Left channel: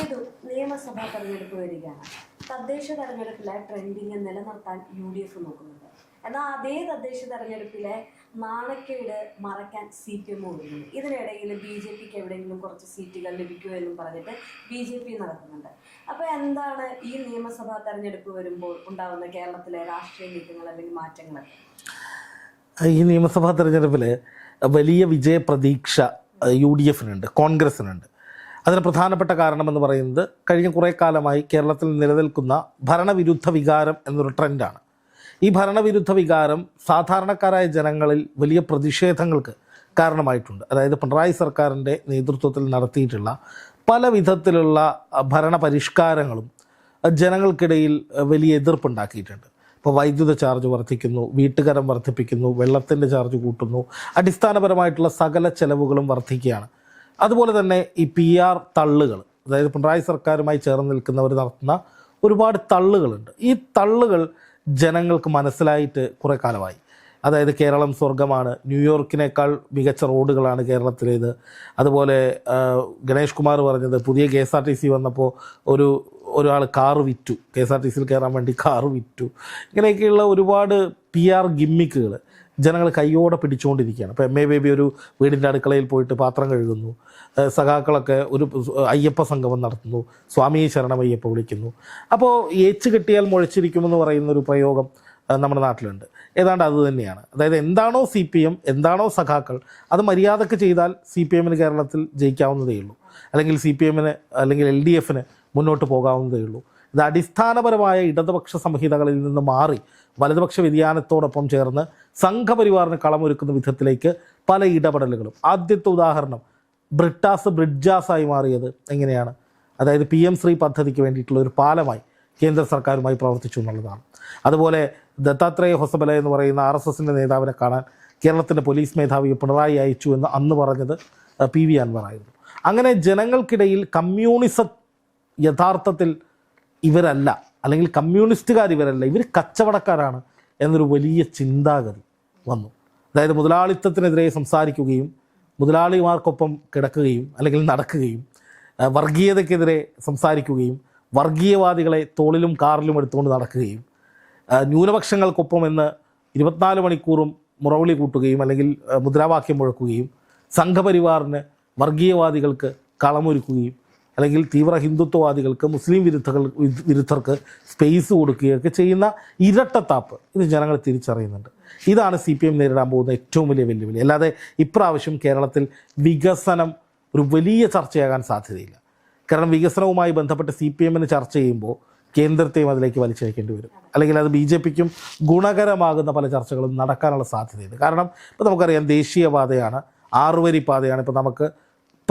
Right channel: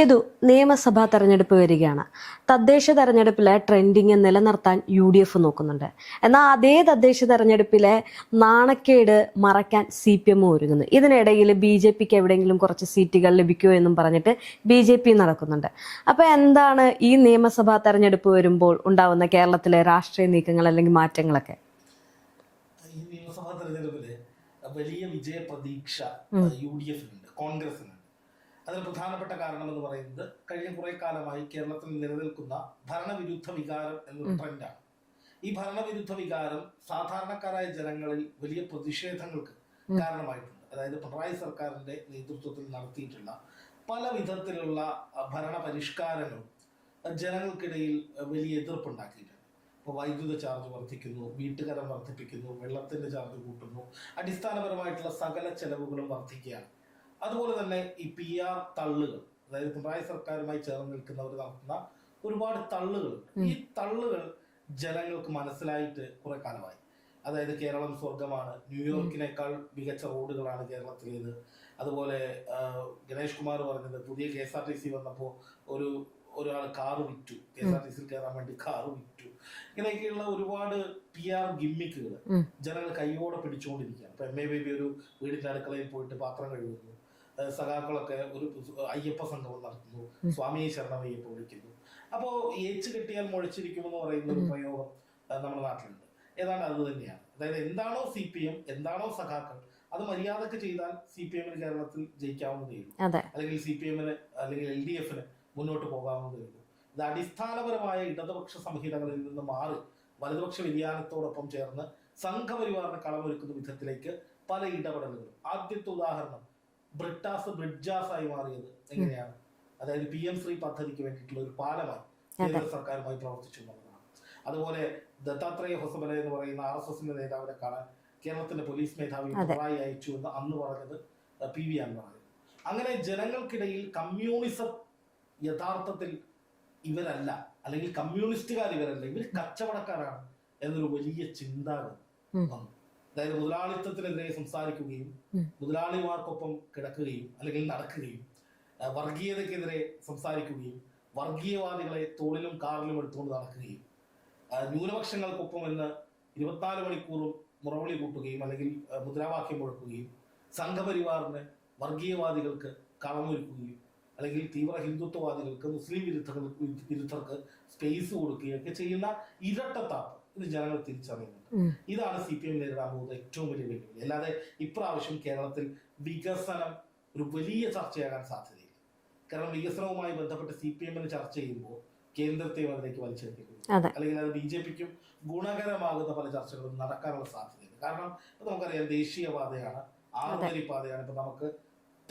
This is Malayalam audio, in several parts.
ഏതു നിയമസഭാ തെരഞ്ഞെടുപ്പ് വരികയാണ്. തദ്ദേശ തെരഞ്ഞെടുപ്പിലെ ട്രെൻഡിങ് നിലനിർത്താൻ യു ഡി എഫ് നോക്കുന്നുണ്ട്. എന്നാൽ അതേ തദ്ദേശ തെരഞ്ഞെടുപ്പിലെ നാണക്കേട് മറയ്ക്കാൻ സി പി എം ഒരുങ്ങുന്നു. ഇതിനിടയിൽ ബി ജെ പിക്ക് എവിടെയെങ്കിലും കുറച്ച് സീറ്റുകൾ ലഭിക്കുമോ എന്നും പറഞ്ഞിട്ട് ബി ജെ പി നടക്കുന്നുണ്ട്. അപ്പോൾ എന്താണ് ഈ നിയമസഭാ തെരഞ്ഞെടുപ്പ് വരുമ്പോൾ ഉണ്ടാവുന്ന കേരളത്തിലെ രാഷ്ട്രീയ നീക്കങ്ങൾ അല്ലെങ്കിൽ മാറ്റങ്ങളൊക്കെ? ഈ നിയമസഭാ തെരഞ്ഞെടുപ്പിൽ വലിയ വിജയപ്രതീക്ഷ യു ഡി എഫിനുണ്ട് കോൺഗ്രസിനുണ്ട്. അതിന് പ്രധാനപ്പെട്ട കാരണമെന്ന് പറയുന്നത് കഴിഞ്ഞ കുറേ കാലമായി കേരളത്തിൽ നിലനിൽക്കുന്ന ഭരണവിരുദ്ധ വികാരം എന്നൊരു ട്രെൻഡാണ്. ഈ ഭരണവിരുദ്ധ വികാരം സാധാരണക്കാരായ ജനങ്ങളിൽ വലിയ പ്രതിഷേധങ്ങൾക്ക് കാരണമായിട്ടുണ്ട്. അതായത് പിണറായി സർക്കാരിന്റെ നേതൃത്വത്തിൽ നടത്തിയിട്ടുള്ള പല വിധത്തിലുള്ള ഭരണ പരിഷ്കാരങ്ങളും ജനങ്ങൾക്കിടയിൽ വലിയ എതിർപ്പുണ്ടാക്കിയിട്ടുണ്ട്. ഇപ്പോൾ വൈദ്യുത ചാർജ് വർദ്ധിക്കുന്നു വീട്ടുകരം വർദ്ധിപ്പിക്കുന്നു വെള്ളത്തിന്റെ ചാർജ് കൂട്ടുന്നു അടിസ്ഥാനപരമായിട്ടുള്ള സകല ചെലവുകളും വർദ്ധിക്കുകയാണ്. അതുപോലെ തന്നെ ഈ പി ആർ തള്ളുകൾ അതായത് പിണറായി സർക്കാരുമായി ചേർന്ന് നിൽക്കുന്നവർ നടത്തുന്ന ഒരുപാട് തള്ളുകളുണ്ട്. ഈ തള്ളുകൾ ജനങ്ങൾക്ക് മനസ്സിലായിട്ട് കുറേ കാലമായി. അതായത് കേരളം സ്വർഗമാണ് ന്യൂയോർക്കിനേക്കാൾ മികച്ച റോഡുകളാണ് കേരളത്തിലേത്. അതുപോലെ ഗണേഷ് കുമാർ പറഞ്ഞത് പുതിയ K S R T C വന്നപ്പോൾ ഒരു ഒരാൾ കാറ് വിറ്റു. കെ എസ് ആർ ടി സിയിൽ കയറാൻ വേണ്ടി കാറ് വിറ്റു. ഇങ്ങനെയൊക്കെയുള്ള ഒരുപാട് പി ആർ ഗിമ്മിക്കുകൾ ജനങ്ങൾ കയ്യോടെ പിടിച്ചുകൊണ്ടിരിക്കുകയാണ് ഇപ്പോൾ എം എ ബേബി ഒരു വീടിന്റെ അടുക്കളയിൽ പോയിട്ട് പാത്രം കഴുകുന്നു. സഖാക്കളൊക്കെ ഒരു അയ്യപ്പ സംഗമം നടത്തുന്നു. സ്വാമിയെ ശരണമയ്യപ്പ വിളിക്കുന്നു. അപ്പോൾ ഏച്ച് കെട്ടിയാൽ മുഴച്ചിരിക്കുമെന്ന് പറയുന്ന ഒരു പ്രയോഗം നമ്മുടെ നാട്ടിലുണ്ട്. ഏതാണ്ട് അത് തന്നെയാണ്. അതായത് എന്താണോ സി പി എം എന്താണോ സഖാക്കൾ അത് മര്യാദയ്ക്ക് ചെയ്താൽ സി പി എമ്മിന് കേരളത്തിൽ ജയിക്കാവുന്നതേ ഉള്ളൂ. അല്ലെങ്കിൽ സി പി എമ്മിന് അല്ലെങ്കിൽ എൽ ഡി എഫിന് മുന്നോട്ട് പോകാവുന്നതേ ഉള്ളൂ. ഇത് അടിസ്ഥാനപരമായ ഇടതുപക്ഷ സംഹിതകളിൽ നിന്ന് മാറി വലതുപക്ഷ വ്യതിയാനത്തോടൊപ്പം ചേർന്ന് സംഘപരിവാറിന് കളമൊരുക്കുന്ന വിധത്തിലേക്ക് പല ഇടപെടലുകളും. ആദ്യത്തെ ഉദാഹരണം ബ്രിട്ടാസ് ബ്രിഡ്ജാസായി മാറിയത് എങ്ങനെയാണ്? അതായത് പി എം ശ്രീ പദ്ധതിക്ക് വേണ്ടിയിട്ടുള്ള ഒരു പാലമായി കേന്ദ്ര സർക്കാരുമായി പ്രവർത്തിച്ചു എന്നുള്ളതാണ്. അതുപോലെ ദത്താത്രേയ ഹൊസബല എന്ന് പറയുന്ന ആർ എസ് എസിന്റെ നേതാവിനെ കാണാൻ കേരളത്തിന്റെ പോലീസ് മേധാവി പിണറായി അയച്ചു എന്ന് അന്ന് പറഞ്ഞത് പി വി അൻവർ ആയിരുന്നു. അങ്ങനെ ജനങ്ങൾക്കിടയിൽ കമ്മ്യൂണിസം യഥാർത്ഥത്തിൽ ഇവരല്ല. അല്ലെങ്കിൽ കമ്മ്യൂണിസ്റ്റുകാർ ഇവരല്ല. ഇവർ കച്ചവടക്കാരാണ് എന്നൊരു വലിയ ചിന്താഗതി വന്നു. അതായത് മുതലാളിത്തത്തിനെതിരെ സംസാരിക്കുകയും മുതലാളിമാർക്കൊപ്പം കിടക്കുകയും അല്ലെങ്കിൽ നടക്കുകയും വർഗീയതയ്ക്കെതിരെ സംസാരിക്കുകയും വർഗീയവാദികളെ തോളിലും കാറിലും എടുത്തുകൊണ്ട് നടക്കുകയും ന്യൂനപക്ഷങ്ങൾക്കൊപ്പം എന്ന് ഇരുപത്തിനാല് മണിക്കൂറും മുറവിളി കൂട്ടുകയും അല്ലെങ്കിൽ മുദ്രാവാക്യം മുഴക്കുകയും സംഘപരിവാറിന് വർഗീയവാദികൾക്ക് കളമൊരുക്കുകയും അല്ലെങ്കിൽ തീവ്ര ഹിന്ദുത്വവാദികൾക്ക് മുസ്ലിം വിരുദ്ധകൾ വിരുദ്ധർക്ക് സ്പേസ് കൊടുക്കുകയൊക്കെ ചെയ്യുന്ന ഇരട്ടത്താപ്പ് ഇത് ജനങ്ങൾ തിരിച്ചറിയുന്നുണ്ട്. ഇതാണ് സി പി എം നേരിടാൻ പോകുന്ന ഏറ്റവും വലിയ വെല്ലുവിളി. അല്ലാതെ ഇപ്രാവശ്യം കേരളത്തിൽ വികസനം ഒരു വലിയ ചർച്ചയാകാൻ സാധ്യതയില്ല. കാരണം വികസനവുമായി ബന്ധപ്പെട്ട് സി പി എമ്മിന് ചർച്ച ചെയ്യുമ്പോൾ കേന്ദ്രത്തെയും അതിലേക്ക് വലിച്ചയക്കേണ്ടി വരും. അല്ലെങ്കിൽ അത് ബി ജെ പിക്കും ഗുണകരമാകുന്ന പല ചർച്ചകളും നടക്കാനുള്ള സാധ്യതയുണ്ട്. കാരണം ഇപ്പോൾ നമുക്കറിയാം ദേശീയപാതയാണ് ആറുവരി പാതയാണ് ഇപ്പോൾ നമുക്ക്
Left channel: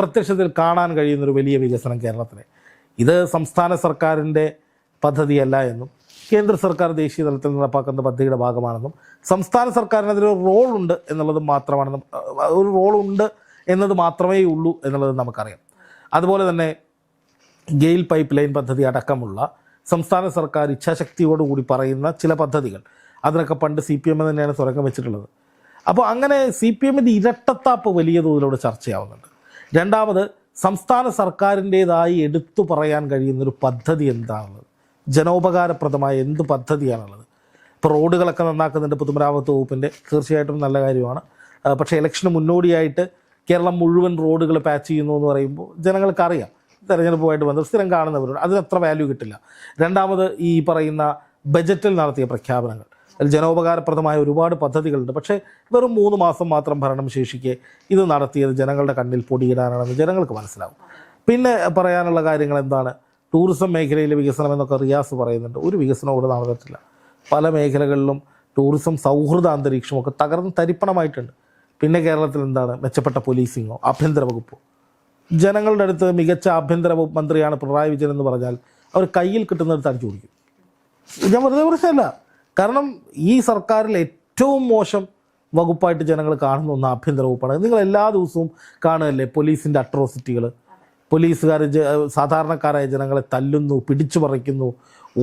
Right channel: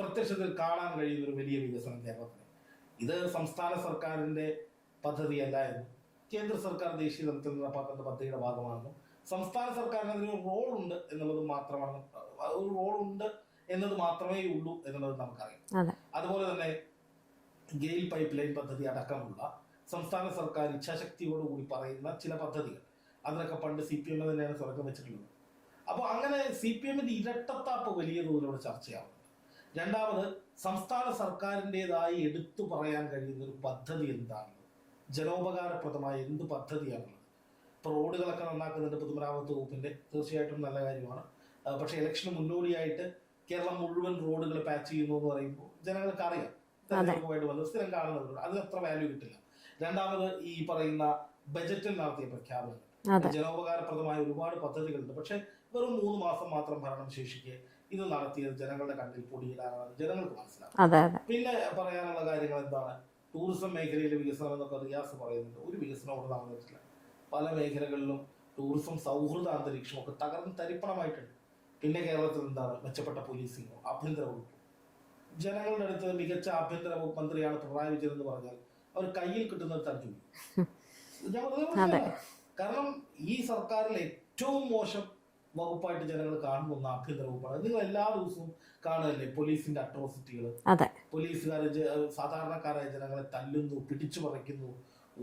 പ്രത്യക്ഷത്തിൽ കാണാൻ കഴിയുന്നൊരു വലിയ വികസനം കേരളത്തിലെ ഇത് സംസ്ഥാന സർക്കാരിന്റെ പദ്ധതിയല്ല എന്നും കേന്ദ്ര സർക്കാർ ദേശീയ തലത്തിൽ നടപ്പാക്കുന്ന പദ്ധതിയുടെ ഭാഗമാണെന്നും സംസ്ഥാന സർക്കാരിന് അതിലൊരു റോളുണ്ട് എന്നുള്ളത് മാത്രമാണെന്നും ഒരു റോളുണ്ട് എന്നത് മാത്രമേ ഉള്ളൂ എന്നുള്ളത് നമുക്കറിയാം. അതുപോലെ തന്നെ ഗെയിൽ പൈപ്പ് ലൈൻ പദ്ധതി അടക്കമുള്ള സംസ്ഥാന സർക്കാർ ഇച്ഛാശക്തിയോടുകൂടി പറയുന്ന ചില പദ്ധതികൾ. അതിനൊക്കെ പണ്ട് സി പി എം തന്നെയാണ് തുടക്കം വെച്ചിട്ടുള്ളത്. അപ്പോൾ അങ്ങനെ സി പി എമ്മിന്റെ ഇരട്ടത്താപ്പ് വലിയ തോതിലൂടെ ചർച്ചയാവുന്നുണ്ട്. രണ്ടാമത് സംസ്ഥാന സർക്കാരിന്റേതായി എടുത്തു പറയാൻ കഴിയുന്നൊരു പദ്ധതി എന്താണുള്ളത്? ജനോപകാരപ്രദമായ എന്ത് പദ്ധതിയാണുള്ളത്? ഇപ്പോൾ റോഡുകളൊക്കെ നന്നാക്കുന്നുണ്ട് പൊതുമരാമത്ത് വകുപ്പിന്റെ തീർച്ചയായിട്ടും നല്ല കാര്യമാണ്. പക്ഷേ ഇലക്ഷന് മുന്നോടിയായിട്ട് കേരളം മുഴുവൻ റോഡുകൾ പാച്ച് ചെയ്യുന്നു എന്ന് പറയുമ്പോൾ ജനങ്ങൾക്കറിയാം. തെരഞ്ഞെടുപ്പുമായിട്ട് ബന്ധം സ്ഥിരം കാണുന്നവരോട് അതിന് അത്ര വാല്യൂ കിട്ടില്ല. രണ്ടാമത് ഈ പറയുന്ന ബജറ്റിൽ നടത്തിയ പ്രഖ്യാപനങ്ങൾ. അതിൽ ജനോപകാരപ്രദമായ ഒരുപാട് പദ്ധതികളുണ്ട്. പക്ഷേ വെറും മൂന്ന് മാസം മാത്രം ഭരണം ശേഷിക്കെ ഇത് നടത്തിയത് ജനങ്ങളുടെ കണ്ണിൽ പൊടിയിടാനാണെന്ന് ജനങ്ങൾക്ക് മനസ്സിലാവും. പിന്നെ പറയാനുള്ള കാര്യങ്ങൾ എന്താണ്? ടൂറിസം മേഖലയിലെ വികസനം എന്നൊക്കെ റിയാസ് പറയുന്നുണ്ട്. ഒരു വികസനവും ഇവിടെ നടന്നിട്ടില്ല. പല മേഖലകളിലും ടൂറിസം സൗഹൃദ അന്തരീക്ഷമൊക്കെ തകർന്ന് തരിപ്പണമായിട്ടുണ്ട്. പിന്നെ കേരളത്തിൽ എന്താണ്? മെച്ചപ്പെട്ട പോലീസിങ്ങോ ആഭ്യന്തര വകുപ്പോ? ജനങ്ങളുടെ അടുത്ത് മികച്ച ആഭ്യന്തര മന്ത്രിയാണ് പിണറായി വിജയൻ എന്ന് പറഞ്ഞാൽ അവർ കയ്യിൽ കിട്ടുന്നത് തടിച്ചു കുടിക്കും ഞാൻ വെറുതെ പറഞ്ഞല്ല കാരണം ഈ സർക്കാരിൽ ഏറ്റവും മോശം വകുപ്പായിട്ട് ജനങ്ങൾ കാണുന്ന ഒന്ന് ആഭ്യന്തര വകുപ്പാണ്. നിങ്ങൾ എല്ലാ ദിവസവും കാണുകയല്ലേ പോലീസിന്റെ അട്രോസിറ്റികൾ പോലീസുകാർ സാധാരണക്കാരായ ജനങ്ങളെ തല്ലുന്നു പിടിച്ചു പറിക്കുന്നു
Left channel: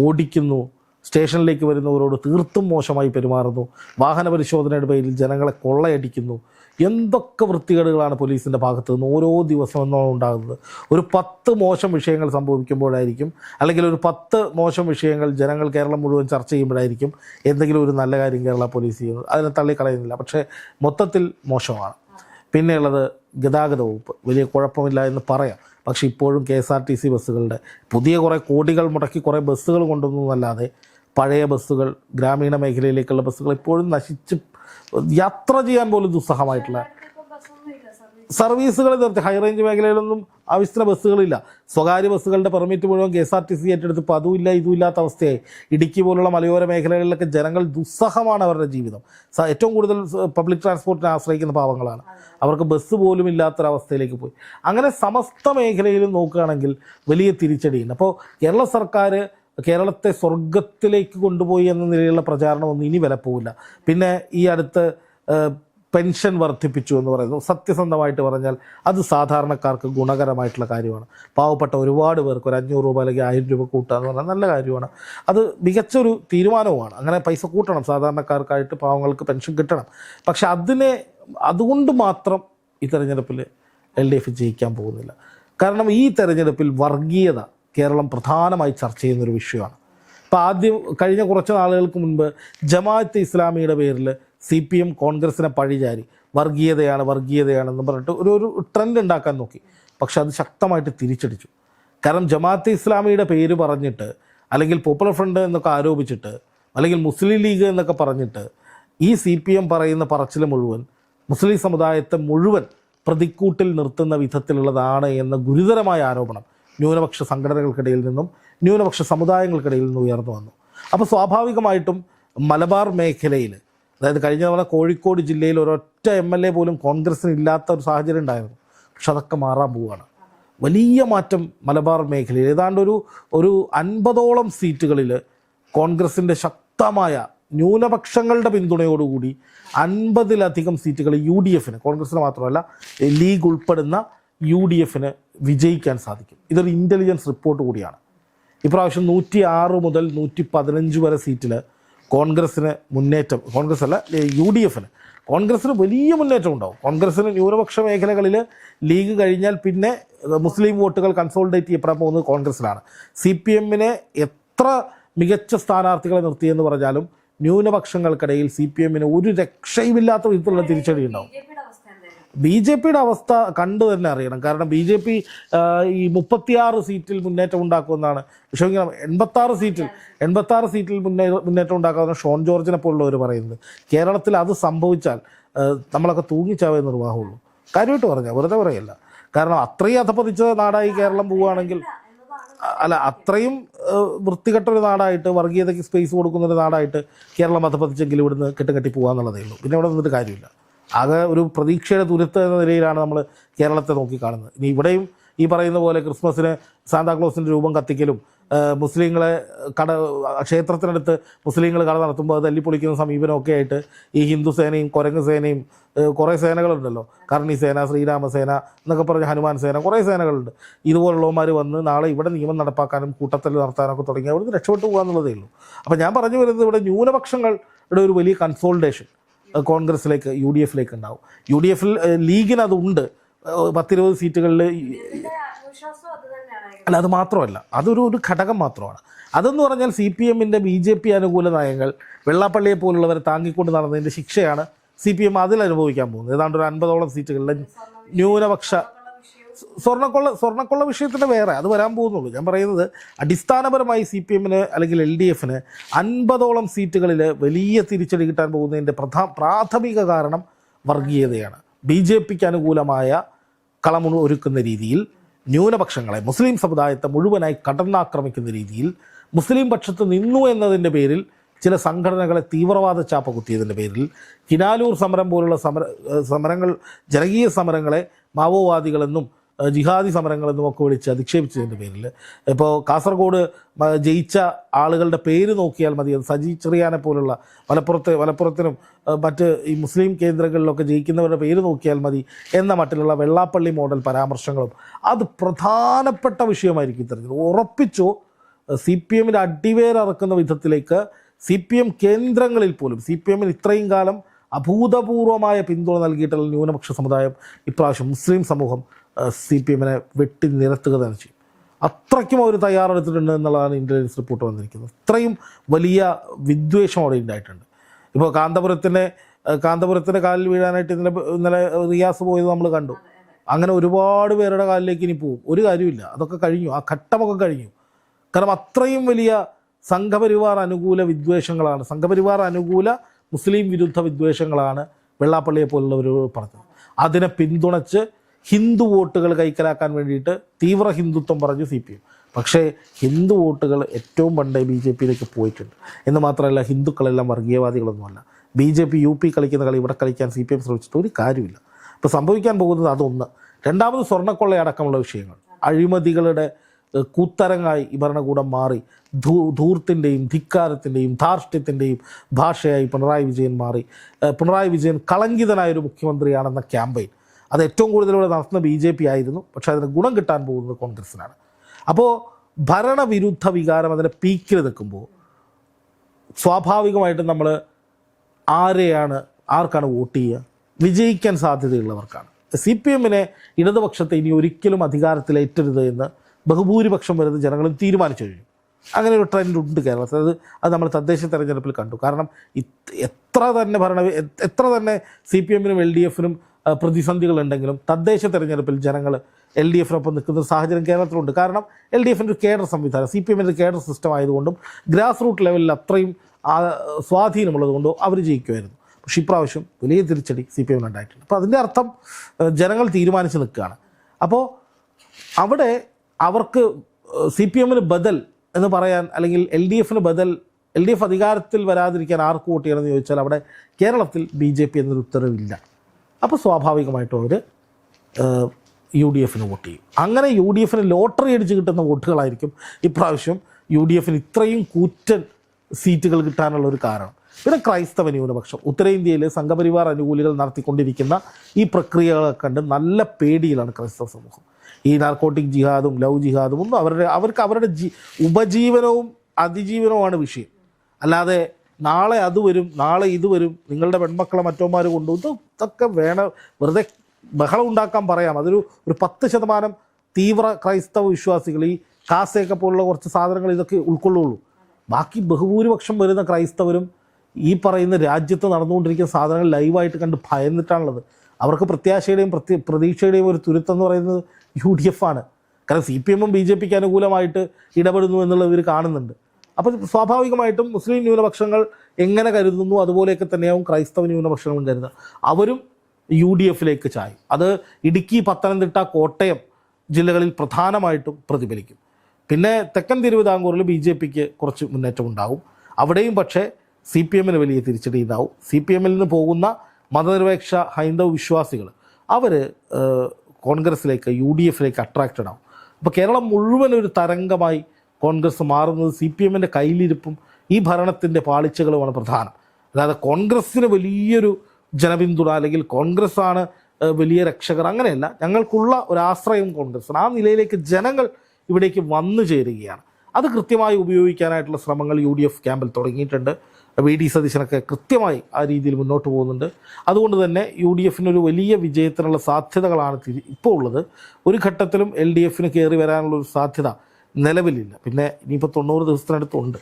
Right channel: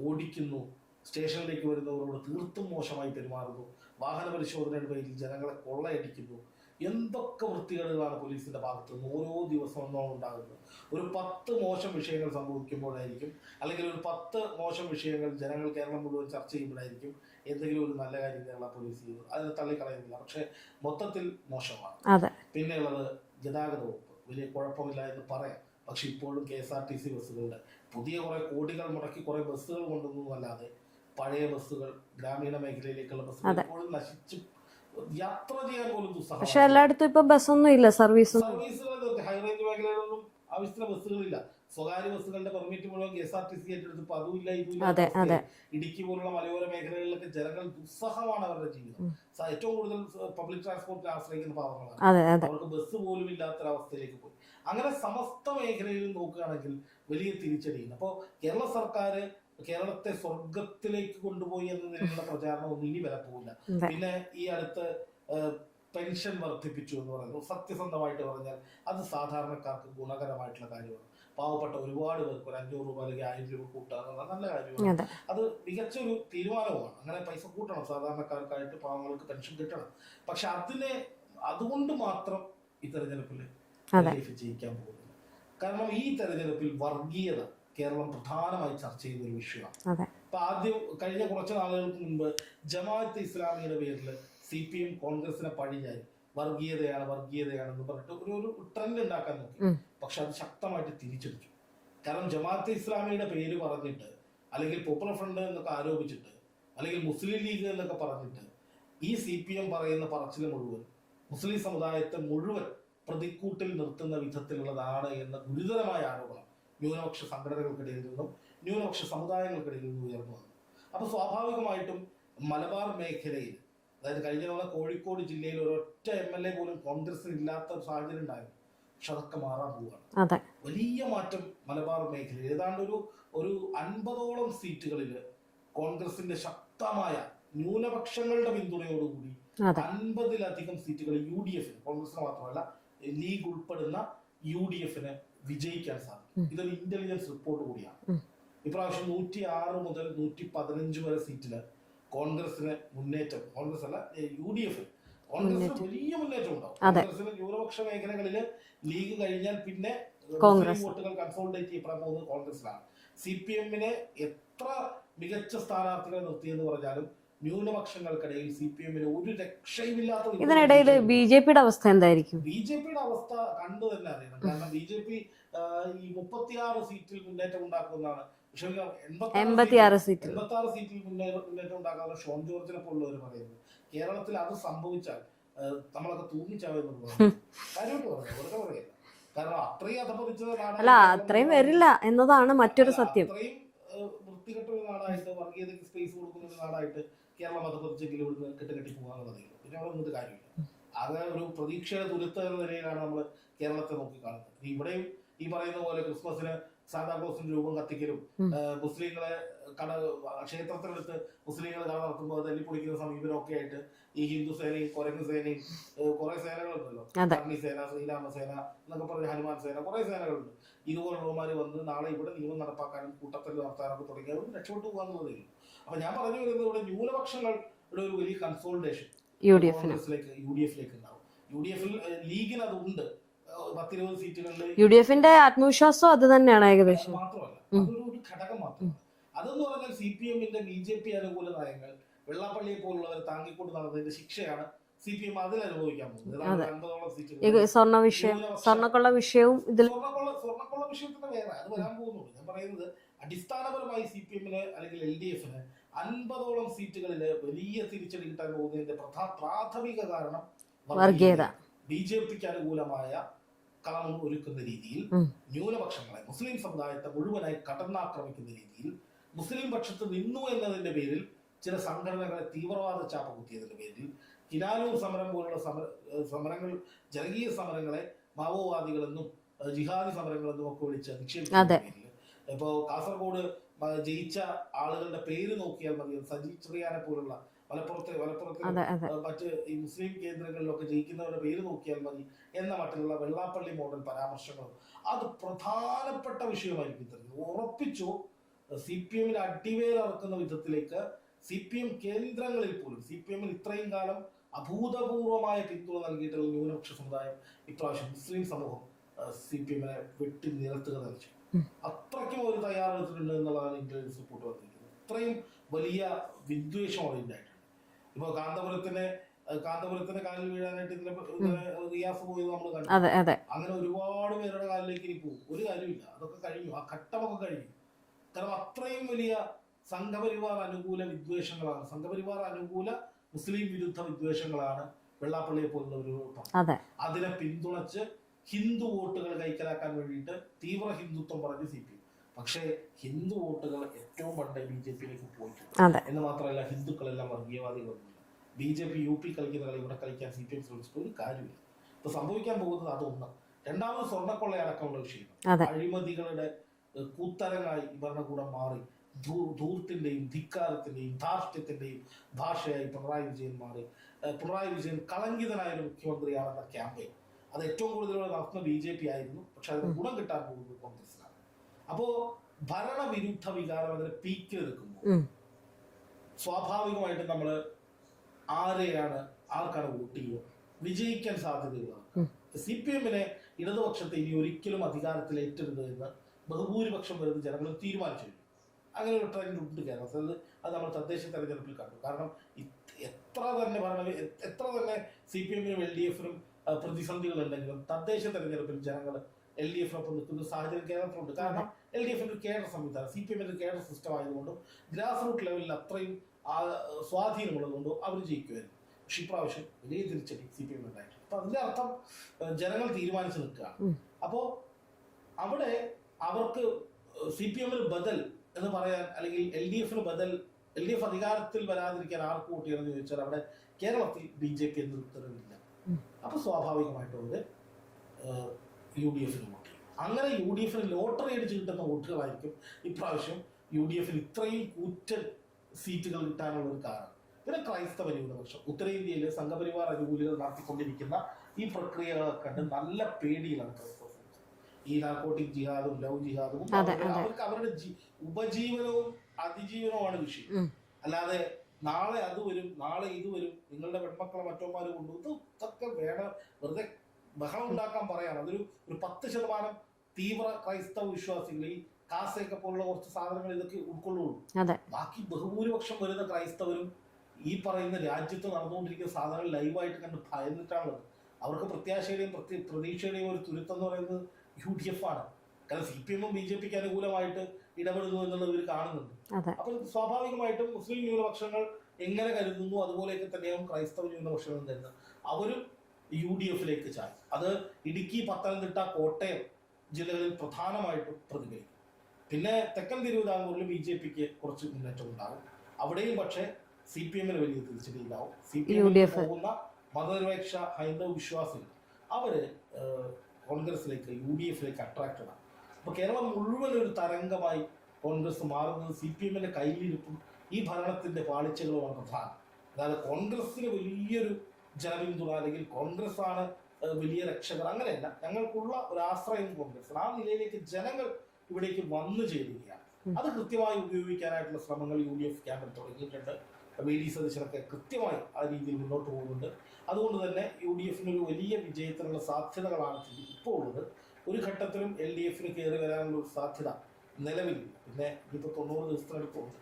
ഓടിക്കുന്നു സ്റ്റേഷനിലേക്ക് വരുന്നവരോട് തീർത്തും മോശമായി പെരുമാറുന്നു. വാഹന പരിശോധനയുടെ പേരിൽ ജനങ്ങളെ കൊള്ളയടിക്കുന്നു. എന്തൊക്കെ വൃത്തികേടുകളാണ് പോലീസിന്റെ ഭാഗത്ത് നിന്ന് ഓരോ ദിവസം എന്നോണം ഉണ്ടാകുന്നത്? ഒരു പത്ത് മോശം വിഷയങ്ങൾ സംഭവിക്കുമ്പോഴായിരിക്കും അല്ലെങ്കിൽ ഒരു പത്ത് മോശം വിഷയങ്ങൾ ജനങ്ങൾ കേരളം മുഴുവൻ ചർച്ച ചെയ്യുമ്പോഴായിരിക്കും എന്തെങ്കിലും ഒരു നല്ല കാര്യം കേരള പോലീസ് ചെയ്യുന്നത്. അതിനെ തള്ളിക്കളയുന്നില്ല. പക്ഷേ മൊത്തത്തിൽ മോശമാണ്. പിന്നെയുള്ളത് ഗതാഗത വകുപ്പ്. വലിയ കുഴപ്പമില്ല എന്ന് പറയാം. പക്ഷേ ഇപ്പോഴും K S R T C ബസ്സുകളുടെ പുതിയ കുറേ കോടികൾ മുടക്കി കുറേ ബസ്സുകൾ കൊണ്ടുവന്നതല്ലാതെ പഴയ ബസ്സുകൾ ഗ്രാമീണ മേഖലയിലേക്കുള്ള ബസ്സുകൾ ഇപ്പോഴും നശിച്ച് യാത്ര ചെയ്യാൻ പോലും ദുസ്സഹമായിട്ടുള്ള ഇല്ല സർവീസുകൾ നിർത്തി. ഹൈ റേഞ്ച് മേഖലയിലൊന്നും ആവശ്യത്തിന് ബസ്സുകളില്ല. സ്വകാര്യ ബസ്സുകളുടെ പെർമിറ്റ് മുഴുവൻ K S R T C ഏറ്റെടുത്ത് ഇപ്പോൾ ഇതും ഇല്ലാത്ത അവസ്ഥയായി. ഇടുക്കി പോലുള്ള മലയോര മേഖലകളിലൊക്കെ ജനങ്ങൾ ദുസ്സഹമാണ് അവരുടെ ജീവിതം. ഏറ്റവും കൂടുതൽ പബ്ലിക് ട്രാൻസ്പോർട്ടിനെ ആശ്രയിക്കുന്ന പാവങ്ങളാണ്. അതെ അതെ. അവർക്ക് ബസ് പോലും ഇല്ലാത്തൊരവസ്ഥയിലേക്ക് പോയി. അങ്ങനെ സമസ്ത മേഖലയിലും നോക്കുകയാണെങ്കിൽ വലിയ തിരിച്ചടിയുണ്ട്. അപ്പോൾ കേരള സർക്കാർ കേരളത്തെ സ്വർഗത്തിലേക്ക് കൊണ്ടുപോയി എന്ന നിലയിലുള്ള പ്രചാരണമൊന്നും ഇനി വില പോവില്ല പിന്നെ ഈ അടുത്ത് പെൻഷൻ വർദ്ധിപ്പിച്ചു എന്ന് പറയുന്നു. സത്യസന്ധമായിട്ട് പറഞ്ഞാൽ അത് സാധാരണക്കാർക്ക് ഗുണകരമായിട്ടുള്ള കാര്യമാണ്. പാവപ്പെട്ട ഒരുപാട് പേർക്ക് ഒരു അഞ്ഞൂറ് രൂപ അല്ലെങ്കിൽ ആയിരം രൂപ കൂട്ടുക എന്ന് പറഞ്ഞാൽ നല്ല കാര്യമാണ്. അതെ. അത് മികച്ചൊരു തീരുമാനവുമാണ്. അങ്ങനെ പൈസ കൂട്ടണം. സാധാരണക്കാർക്കായിട്ട് പാവങ്ങൾക്ക് പെൻഷൻ കിട്ടണം. പക്ഷെ അതിനെ അതുകൊണ്ട് മാത്രം ഈ തെരഞ്ഞെടുപ്പിൽ എൽ ഡി എഫ് ജയിക്കാൻ പോകുന്നില്ല. കാരണം ഈ തെരഞ്ഞെടുപ്പിൽ വർഗീയത കേരളം പ്രധാനമായി ചർച്ച ചെയ്യുന്ന ഒരു വിഷയമാണ് അപ്പോൾ ആദ്യം കഴിഞ്ഞ കുറച്ച് നാളുകൾക്ക് മുൻപ് ജമാഅത്ത് ഇസ്ലാമിയുടെ പേരിൽ സി പി എം കോൺഗ്രസിനെ പഴിചാരി വർഗീയതയാണ് വർഗീയതയാണെന്ന് പറഞ്ഞിട്ട് ഒരു ഒരു ട്രെൻഡ് ഉണ്ടാക്കാൻ നോക്കി. പക്ഷെ അത് ശക്തമായിട്ട് തിരിച്ചടിച്ചു. കാരണം ജമാഅത്ത് ഇസ്ലാമിയുടെ പേര് പറഞ്ഞിട്ട് അല്ലെങ്കിൽ പോപ്പുലർ ഫ്രണ്ട് എന്നൊക്കെ ആരോപിച്ചിട്ട് അല്ലെങ്കിൽ മുസ്ലിം ലീഗ് എന്നൊക്കെ പറഞ്ഞിട്ട് ഈ സി പി എം പറയുന്ന പറച്ചിൽ മുഴുവൻ മുസ്ലിം സമുദായത്തെ മുഴുവൻ പ്രതിക്കൂട്ടിൽ നിർത്തുന്ന വിധത്തിലുള്ളതാണ് എന്ന ഗുരുതരമായ ആരോപണം ന്യൂനപക്ഷ സംഘടനകൾക്കിടയിൽ നിന്നും ന്യൂനപക്ഷ സമുദായങ്ങൾക്കിടയിൽ നിന്നും ഉയർന്നു വന്നു. അപ്പോൾ സ്വാഭാവികമായിട്ടും മലബാർ മേഖലയിൽ അതായത് കഴിഞ്ഞ തവണ കോഴിക്കോട് ജില്ലയിൽ ഒരൊറ്റ എം എൽ എ പോലും കോൺഗ്രസിന് ഇല്ലാത്ത ഒരു സാഹചര്യം ഉണ്ടായിരുന്നു. പക്ഷെ അതൊക്കെ മാറാൻ പോവുകയാണ്. വലിയ മാറ്റം മലബാർ മേഖലയിൽ. ഏതാണ്ട് ഒരു ഒരു അൻപതോളം സീറ്റുകളിൽ കോൺഗ്രസിന്റെ ശക്തമായ ന്യൂനപക്ഷങ്ങളുടെ പിന്തുണയോടുകൂടി അൻപതിലധികം സീറ്റുകൾ യു ഡി എഫിന് കോൺഗ്രസിന് മാത്രമല്ല ലീഗ് ഉൾപ്പെടുന്ന യു ഡി എഫിന് വിജയിക്കാൻ സാധിക്കും. ഇതൊരു ഇന്റലിജൻസ് റിപ്പോർട്ട് കൂടിയാണ്. ഇപ്രാവശ്യം നൂറ്റി ആറ് മുതൽ നൂറ്റി പതിനഞ്ച് വരെ സീറ്റിൽ കോൺഗ്രസിന് മുന്നേറ്റം കോൺഗ്രസ് അല്ല യു ഡി എഫിന് കോൺഗ്രസിന് വലിയ മുന്നേറ്റം ഉണ്ടാവും. കോൺഗ്രസ്സിന് ന്യൂനപക്ഷ മേഖലകളിൽ ലീഗ് കഴിഞ്ഞാൽ പിന്നെ മുസ്ലിം വോട്ടുകൾ കൺസോളിഡേറ്റ് ചെയ്യപ്പെടാൻ പോകുന്നത് കോൺഗ്രസിലാണ് സി പി എമ്മിനെ എത്ര മികച്ച സ്ഥാനാർത്ഥികളെ നിർത്തിയെന്ന് പറഞ്ഞാലും ന്യൂനപക്ഷങ്ങൾക്കിടയിൽ സി പി എമ്മിന് ഒരു രക്ഷയുമില്ലാത്ത വിധത്തിലുള്ള തിരിച്ചടി ബി ജെ പിയുടെ അവസ്ഥ എന്തായിരിക്കും? ബി ജെ പിയുടെ അവസ്ഥ കണ്ടു തന്നെ അറിയണം. കാരണം ബി ജെ പി ഈ മുപ്പത്തിയാറ് സീറ്റിൽ മുന്നേറ്റം ഉണ്ടാക്കുമെന്നാണ്. ക്ഷമിക്കണം എൺപത്തി ആറ് സീറ്റിൽ എൺപത്തി ആറ് സീറ്റിൽ മുന്നേ മുന്നേറ്റം ഉണ്ടാക്കാമെന്ന് ഷോൺ ജോർജിനെ പോലുള്ളവർ പറയുന്നത് കേരളത്തിൽ അത് സംഭവിച്ചാൽ നമ്മളൊക്കെ തൂങ്ങിച്ചാവേ നിർവാഹവും കാര്യമായിട്ട് പറഞ്ഞാൽ വെറുതെ പറയല്ല. കാരണം അത്രയും അധപ്പതിച്ച നാടായി കേരളം പോവുകയാണെങ്കിൽ അല്ല അത്രയും വൃത്തികെട്ട ഒരു നാടായിട്ട് വർഗീയതയ്ക്ക് സ്പേസ് കൊടുക്കുന്ന ഒരു നാടായിട്ട് കേരളം അധപ്പതിച്ചെങ്കിൽ ഇവിടുന്ന് കെട്ടുകെട്ടി പോകാന്നുള്ളതേ ഉള്ളൂ. പിന്നെ ഇവിടെ നിന്നിട്ട് കാര്യമില്ല. ആകെ ഒരു പ്രതീക്ഷയുടെ തുരുത്ത് എന്ന നിലയിലാണ് നമ്മൾ കേരളത്തെ നോക്കി കാണുന്നത് ഇനി ഇവിടെയും ഈ പറയുന്ന പോലെ ക്രിസ്മസിന് സാന്താക്ലോസിന്റെ രൂപം കത്തിക്കലും മുസ്ലിങ്ങളെ കട ക്ഷേത്രത്തിനടുത്ത് മുസ്ലിങ്ങൾ കട നടത്തുമ്പോൾ അത് തല്ലിപ്പൊളിക്കുന്ന സമീപനമൊക്കെ ആയിട്ട് ഈ ഹിന്ദു സേനയും കുരങ്ങ് സേനയും കുറെ സേനകളുണ്ടല്ലോ. കർണി സേന ശ്രീരാമസേന എന്നൊക്കെ പറഞ്ഞ ഹനുമാൻ സേന കുറെ സേനകളുണ്ട്. ഇതുപോലുള്ളവന്മാർ വന്ന് നാളെ ഇവിടെ നിയമം നടപ്പാക്കാനും കൂട്ടത്തൽ നടത്താനൊക്കെ തുടങ്ങി. അവിടുന്ന് രക്ഷപ്പെട്ടു പോകാന്നുള്ളതേ ഉള്ളൂ. അപ്പം ഞാൻ പറഞ്ഞു വരുന്നത് ഇവിടെ ന്യൂനപക്ഷങ്ങളുടെ ഒരു വലിയ കൺസോൾട്ടേഷൻ കോൺഗ്രസിലേക്ക് യു ഡി എഫിലേക്ക് ഉണ്ടാവും. യു ഡി എഫിൽ ലീഗിന് അതുണ്ട്. പത്തിരുപത് സീറ്റുകളിൽ യു ഡി എഫിന്റെ ആത്മവിശ്വാസം അത് തന്നെയാണ് അല്ല അത് മാത്രമല്ല. അതൊരു ഒരു ഘടകം മാത്രമാണ്. അതെന്ന് പറഞ്ഞാൽ സി പി എമ്മിന്റെ ബി ജെ പി അനുകൂല നയങ്ങൾ വെള്ളാപ്പള്ളിയെ പോലുള്ളവരെ താങ്ങിക്കൊണ്ട് നടന്നതിന്റെ ശിക്ഷയാണ് സി പി എം അതിൽ അനുഭവിക്കാൻ പോകുന്നത്. ഏതാണ്ട് ഒരു അൻപതോളം സീറ്റുകളിൽ ന്യൂനപക്ഷ സ്വർണക്കൊള്ള സ്വർണക്കൊള്ള വിഷയത്തിന്റെ വേറെ. അത് വരാൻ പോകുന്നുള്ളൂ. ഞാൻ പറയുന്നത് അടിസ്ഥാനപരമായി സി പി എമ്മിന് അല്ലെങ്കിൽ എൽ ഡി എഫിന് അൻപതോളം സീറ്റുകളിൽ വലിയ തിരിച്ചടി കിട്ടാൻ പോകുന്നതിന്റെ പ്രധാ പ്രാഥമിക കാരണം വർഗീയതയാണ്. ബി ജെ പിക്ക് അനുകൂലമായ കളമുണ ഒരുക്കുന്ന രീതിയിൽ ന്യൂനപക്ഷങ്ങളെ മുസ്ലിം സമുദായത്തെ മുഴുവനായി കടന്നാക്രമിക്കുന്ന രീതിയിൽ മുസ്ലിം പക്ഷത്ത് നിന്നു എന്നതിന്റെ പേരിൽ ചില സംഘടനകളെ തീവ്രവാദ ചാപ്പ കുത്തിയതിന്റെ പേരിൽ കിനാലൂർ സമരം പോലുള്ള സമര സമരങ്ങൾ ജനകീയ സമരങ്ങളെ മാവോവാദികളെന്നും ജിഹാദി സമരങ്ങൾ എന്നൊക്കെ വിളിച്ച് അധിക്ഷേപിച്ചതിന്റെ പേരിൽ. ഇപ്പോൾ കാസർഗോഡ് ജയിച്ച ആളുകളുടെ പേര് നോക്കിയാൽ മതി. അത് സജി ചെറിയാനെ പോലുള്ള മലപ്പുറത്ത് മലപ്പുറത്തിനും മറ്റ് ഈ മുസ്ലിം കേന്ദ്രങ്ങളിലൊക്കെ ജയിക്കുന്നവരുടെ പേര് നോക്കിയാൽ മതി എന്ന മട്ടിലുള്ള വെള്ളാപ്പള്ളി മോഡൽ പരാമർശങ്ങളും. അത് പ്രധാനപ്പെട്ട വിഷയമായിരിക്കും തെരഞ്ഞെടുപ്പ് ഉറപ്പിച്ചു സി പി എമ്മിന്റെ അടിവേരറക്കുന്ന വിധത്തിലേക്ക് സി പി എം കേന്ദ്രങ്ങളിൽ പോലും സി പി എമ്മിന് ഇത്രയും കാലം അഭൂതപൂർവമായ പിന്തുണ നൽകിയിട്ടുള്ള ന്യൂനപക്ഷ സമുദായം ഇപ്രാവശ്യം മുസ്ലിം സമൂഹം സി പി എമ്മിനെ വെട്ടി നിരത്തുക തന്നെ ചെയ്യും. അത്രയ്ക്കും അവർ തയ്യാറെടുത്തിട്ടുണ്ട് എന്നുള്ളതാണ് ഇന്റലിജൻസ് റിപ്പോർട്ട് വന്നിരിക്കുന്നത്. ഇത്രയും വലിയ വിദ്വേഷം അവിടെ ഉണ്ടായിട്ടുണ്ട്. ഇപ്പോൾ കാന്തപുരത്തിന്റെ കാന്തപുരത്തിന്റെ കാലിൽ വീഴാനായിട്ട് ഇന്നലെ ഇന്നലെ റിയാസ് പോയത് നമ്മൾ കണ്ടു. അങ്ങനെ ഒരുപാട് പേരുടെ കാലിലേക്ക് ഇനി പോകും. ഒരു കാര്യമില്ല അതൊക്കെ കഴിഞ്ഞു. ആ ഘട്ടമൊക്കെ കഴിഞ്ഞു. കാരണം അത്രയും വലിയ സംഘപരിവാർ അനുകൂല വിദ്വേഷങ്ങളാണ്. സംഘപരിവാർ അനുകൂല മുസ്ലിം വിരുദ്ധ വിദ്വേഷങ്ങളാണ് വെള്ളാപ്പള്ളിയെ പോലുള്ളവർ പറഞ്ഞത്. അതെ. അതിനെ പിന്തുണച്ച് ഹിന്ദു വോട്ടുകൾ കൈക്കലാക്കാൻ വേണ്ടിയിട്ട് തീവ്ര ഹിന്ദുത്വം പറഞ്ഞു സി പി എം. പക്ഷേ ഹിന്ദു വോട്ടുകൾ ഏറ്റവും പണ്ടേ ബി ജെ പിയിലേക്ക് പോയിട്ടുണ്ട്. എന്ന് മാത്രമല്ല ഹിന്ദുക്കളെല്ലാം വർഗീയവാദികളൊന്നുമല്ല. B J P U P കളിക്കുന്ന കളി ഇവിടെ കളിക്കാൻ സി പി എം ശ്രമിച്ചിട്ട് ഒരു കാര്യമില്ല. ഇപ്പോൾ സംഭവിക്കാൻ പോകുന്നത് അതൊന്ന്. രണ്ടാമത് സ്വർണക്കൊള്ളയടക്കമുള്ള വിഷയങ്ങൾ. അഴിമതികളുടെ കൂത്തരങ്ങായി ഈ ഭരണകൂടം മാറി ധൂ ധൂർത്തിന്റെയും ധിക്കാരത്തിന്റെയും ധാർഷ്ട്യത്തിന്റെയും ഭാഷയായി പിണറായി വിജയൻ മാറി. പിണറായി വിജയൻ കളങ്കിതനായൊരു മുഖ്യമന്ത്രിയാണെന്ന ക്യാമ്പയിൻ. അത് ഏറ്റവും കൂടുതൽ ഇവിടെ നടത്തുന്ന ബി ജെ പി ആയിരുന്നു. പക്ഷേ അതിന് ഗുണം കിട്ടാൻ പോകുന്നത് കോൺഗ്രസിനാണ് അപ്പോൾ ഭരണവിരുദ്ധ വികാരം അതിന്റെ പീക്കിൽ നിൽക്കുമ്പോൾ. സ്വാഭാവികമായിട്ടും നമ്മൾ ആരെയാണ് ആർക്കാണ് വോട്ട് ചെയ്യുക? വിജയിക്കാൻ സാധ്യതയുള്ളവർക്കാണ്. സി പി എമ്മിനെ ഇടതുപക്ഷത്തെ ഇനി ഒരിക്കലും അധികാരത്തിലേറ്റരുത് എന്ന് ബഹുഭൂരിപക്ഷം വരുന്ന ജനങ്ങളും തീരുമാനിച്ചു കഴിഞ്ഞു. അങ്ങനെ ഒരു ട്രെൻഡ് ഉണ്ട് കേരളത്തിൽ. അത് അത് നമ്മൾ തദ്ദേശ തെരഞ്ഞെടുപ്പിൽ കണ്ടു. കാരണം എത്ര തന്നെ ഭരണ എത്ര തന്നെ സി പി എമ്മിനും എൽ ഡി എഫിനും പ്രതിസന്ധികളുണ്ടെങ്കിലും തദ്ദേശ തെരഞ്ഞെടുപ്പിൽ ജനങ്ങൾ എൽ ഡി എഫിനൊപ്പം നിൽക്കുന്ന സാഹചര്യം കേരളത്തിലുണ്ട്. കാരണം എൽ ഡി എഫിന്റെ ഒരു കേഡർ സംവിധാനം സി പി എമ്മിന്റെ കേഡർ സിസ്റ്റം ആയതുകൊണ്ടും ഗ്രാസ് റൂട്ട് ലെവലിൽ അത്രയും ആ, സ്വാധീനമുള്ളത് കൊണ്ടും അവർ ജയിക്കുമായിരുന്നു. പക്ഷേ ഇപ്രാവശ്യം വലിയ തിരിച്ചടി സി പി എമ്മിനുണ്ടായിട്ടുണ്ട് അപ്പോൾ അതിന്റെ അർത്ഥം ജനങ്ങൾ തീരുമാനിച്ച് നിൽക്കുകയാണ്. അപ്പോൾ അവിടെ അവർക്ക് സി പി എമ്മിന് ബദൽ എന്ന് പറയാൻ അല്ലെങ്കിൽ എൽ ഡി എഫിന് ബദൽ എൽ ഡി എഫ് അധികാരത്തിൽ വരാതിരിക്കാൻ ആർക്ക് വോട്ട് ചെയ്യണമെന്ന് ചോദിച്ചാൽ അവിടെ കേരളത്തിൽ ബി ജെ പി എന്നൊരു ഉത്തരവില്ല. അപ്പോൾ സ്വാഭാവികമായിട്ടും അവർ യു ഡി എഫിന് വോട്ട് ചെയ്യും. അങ്ങനെ യു ഡി എഫിന് ലോട്ടറി അടിച്ച് കിട്ടുന്ന വോട്ടുകളായിരിക്കും ഇപ്രാവശ്യം യു ഡി എഫിന് ഇത്രയും കൂറ്റൻ സീറ്റുകൾ കിട്ടാനുള്ള ഒരു കാരണം. പിന്നെ ക്രൈസ്തവ ന്യൂനപക്ഷം. ഉത്തരേന്ത്യയിൽ സംഘപരിവാർ അനുകൂലികൾ നടത്തിക്കൊണ്ടിരിക്കുന്ന ഈ പ്രക്രിയകളെ കണ്ട് നല്ല പേടിയിലാണ് ക്രൈസ്തവ സമൂഹം. ഈ നാർക്കോട്ടിക് ജിഹാദും ലവ് ജിഹാദും ഒന്നും അവരുടെ അവർക്ക് അവരുടെ ജി ഉപജീവനവും അതിജീവനവുമാണ് വിഷയം. അല്ലാതെ നാളെ അത് വരും നാളെ ഇത് വരും നിങ്ങളുടെ പെൺമക്കളെ മറ്റോമാർ കൊണ്ടുപോകും ഇത് ഇതൊക്കെ വേണം വെറുതെ ബഹളം ഉണ്ടാക്കാൻ പറയാം. അതൊരു ഒരു പത്ത് ശതമാനം തീവ്ര ക്രൈസ്തവ വിശ്വാസികൾ ഈ കാസയൊക്കെ പോലുള്ള കുറച്ച് സാധനങ്ങൾ ഇതൊക്കെ ഉൾക്കൊള്ളുള്ളൂ. ബാക്കി ബഹുഭൂരിപക്ഷം വരുന്ന ക്രൈസ്തവരും ഈ പറയുന്ന രാജ്യത്ത് നടന്നുകൊണ്ടിരിക്കുന്ന സാധനങ്ങൾ ലൈവായിട്ട് കണ്ട് ഭയന്നിട്ടാണുള്ളത്. അവർക്ക് പ്രത്യാശയുടെയും പ്രത്യ പ്രതീക്ഷയുടെയും ഒരു തുരുത്തം എന്ന് പറയുന്നത് യു ഡി എഫ് ആണ്. കാരണം സി പി എമ്മും ബി ജെ പിക്ക് അനുകൂലമായിട്ട് ഇടപെടുന്നു എന്നുള്ളത് ഇവർ കാണുന്നുണ്ട്. അപ്പോൾ സ്വാഭാവികമായിട്ടും മുസ്ലിം ന്യൂനപക്ഷങ്ങൾ എങ്ങനെ കരുതുന്നു? അതുപോലെയൊക്കെ തന്നെയാവും ക്രൈസ്തവ ന്യൂനപക്ഷങ്ങളും കരുതുക. അവരും യു ഡി എഫിലേക്ക് ചായും. അത് ഇടുക്കി പത്തനംതിട്ട കോട്ടയം ജില്ലകളിൽ പ്രധാനമായിട്ടും പ്രതിഫലിക്കും. പിന്നെ തെക്കൻ തിരുവിതാംകൂറിൽ ബി ജെ പിക്ക് കുറച്ച് മുന്നേറ്റം ഉണ്ടാവും. അവിടെയും പക്ഷേ സി പി എമ്മിന് വലിയ തിരിച്ചടി ഉണ്ടാവും. സി പി എമ്മിൽ നിന്ന് പോകുന്ന മതനിരപേക്ഷ ഹൈന്ദവ വിശ്വാസികൾ അവർ കോൺഗ്രസിലേക്ക് യു ഡി എഫിലേക്ക് അട്രാക്റ്റഡ് ആവും അപ്പോൾ കേരളം മുഴുവൻ ഒരു തരംഗമായി കോൺഗ്രസ് മാറുന്നത് സി പി എമ്മിന്റെ കയ്യിലിരിപ്പും ഈ ഭരണത്തിന്റെ പാളിച്ചകളുമാണ് പ്രധാനം. അതായത് കോൺഗ്രസ്സിന് വലിയൊരു ജനപിന്തുണ അല്ലെങ്കിൽ കോൺഗ്രസ് ആണ് ഏഹ്, വലിയ രക്ഷകർ അങ്ങനെയല്ല. ഞങ്ങൾക്കുള്ള ഒരു ആശ്രയം കോൺഗ്രസ് ആ നിലയിലേക്ക് ജനങ്ങൾ ഇവിടേക്ക് വന്നു ചേരുകയാണ്. അത് കൃത്യമായി ഉപയോഗിക്കാനായിട്ടുള്ള ശ്രമങ്ങൾ യു ഡി എഫ് ക്യാമ്പിൽ തുടങ്ങിയിട്ടുണ്ട്. വി ഡി സതീശനൊക്കെ കൃത്യമായി ആ രീതിയിൽ മുന്നോട്ട് പോകുന്നുണ്ട്. അതുകൊണ്ട് തന്നെ യു ഡി എഫിനൊരു വലിയ വിജയത്തിനുള്ള സാധ്യതകളാണ് ഇപ്പോൾ ഉള്ളത്. ഒരു ഘട്ടത്തിലും എൽ ഡി എഫിന് കയറി വരാനുള്ള ഒരു സാധ്യത നിലവിലില്ല. പിന്നെ ഇനിയിപ്പോൾ തൊണ്ണൂറ് ദിവസത്തിനടുത്തുണ്ട്.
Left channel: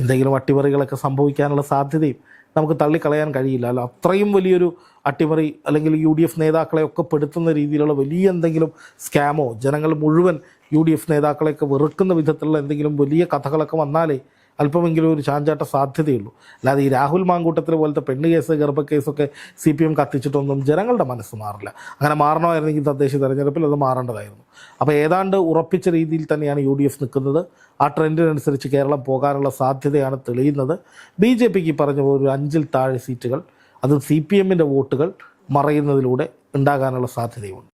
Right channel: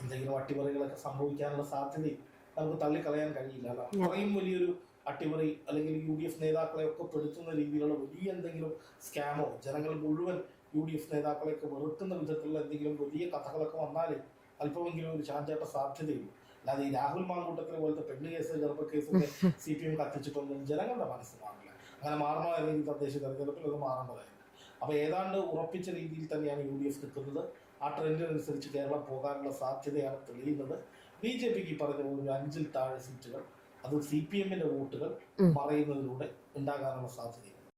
എന്തെങ്കിലും അട്ടിമറികളൊക്കെ സംഭവിക്കാനുള്ള സാധ്യതയും നമുക്ക് തള്ളിക്കളയാൻ കഴിയില്ല. അല്ല അത്രയും വലിയൊരു അട്ടിമറി അല്ലെങ്കിൽ യു ഡി എഫ് നേതാക്കളെ ഒക്കെ പെടുത്തുന്ന രീതിയിലുള്ള വലിയ എന്തെങ്കിലും സ്കാമോ ജനങ്ങൾ മുഴുവൻ യു ഡി എഫ് നേതാക്കളെയൊക്കെ വെറുക്കുന്ന വിധത്തിലുള്ള എന്തെങ്കിലും വലിയ കഥകളൊക്കെ വന്നാലേ അല്പമെങ്കിലും ഒരു ചാഞ്ചാട്ട സാധ്യതയുള്ളൂ. അല്ലാതെ ഈ രാഹുൽ മാങ്കൂട്ടത്തിലെ പോലത്തെ പെണ്ണ് കേസ് ഗർഭക്കേസൊക്കെ സി പി എം കത്തിച്ചിട്ടൊന്നും ജനങ്ങളുടെ മനസ്സ് മാറില്ല. അങ്ങനെ മാറണമായിരുന്നെങ്കിൽ തദ്ദേശ തെരഞ്ഞെടുപ്പിൽ അത് മാറേണ്ടതായിരുന്നു. അപ്പോൾ ഏതാണ്ട് ഉറപ്പിച്ച രീതിയിൽ തന്നെയാണ് യു ഡി എഫ് നിൽക്കുന്നത്. ആ ട്രെൻഡിനനുസരിച്ച് കേരളം പോകാനുള്ള സാധ്യതയാണ് തെളിയുന്നത്. ബി ജെ പിക്ക് പറഞ്ഞ പോലെ ഒരു അഞ്ചിൽ താഴെ സീറ്റുകൾ അത് സി പി എമ്മിന്റെ വോട്ടുകൾ മറയുന്നതിലൂടെ ഉണ്ടാകാനുള്ള സാധ്യതയുണ്ട്.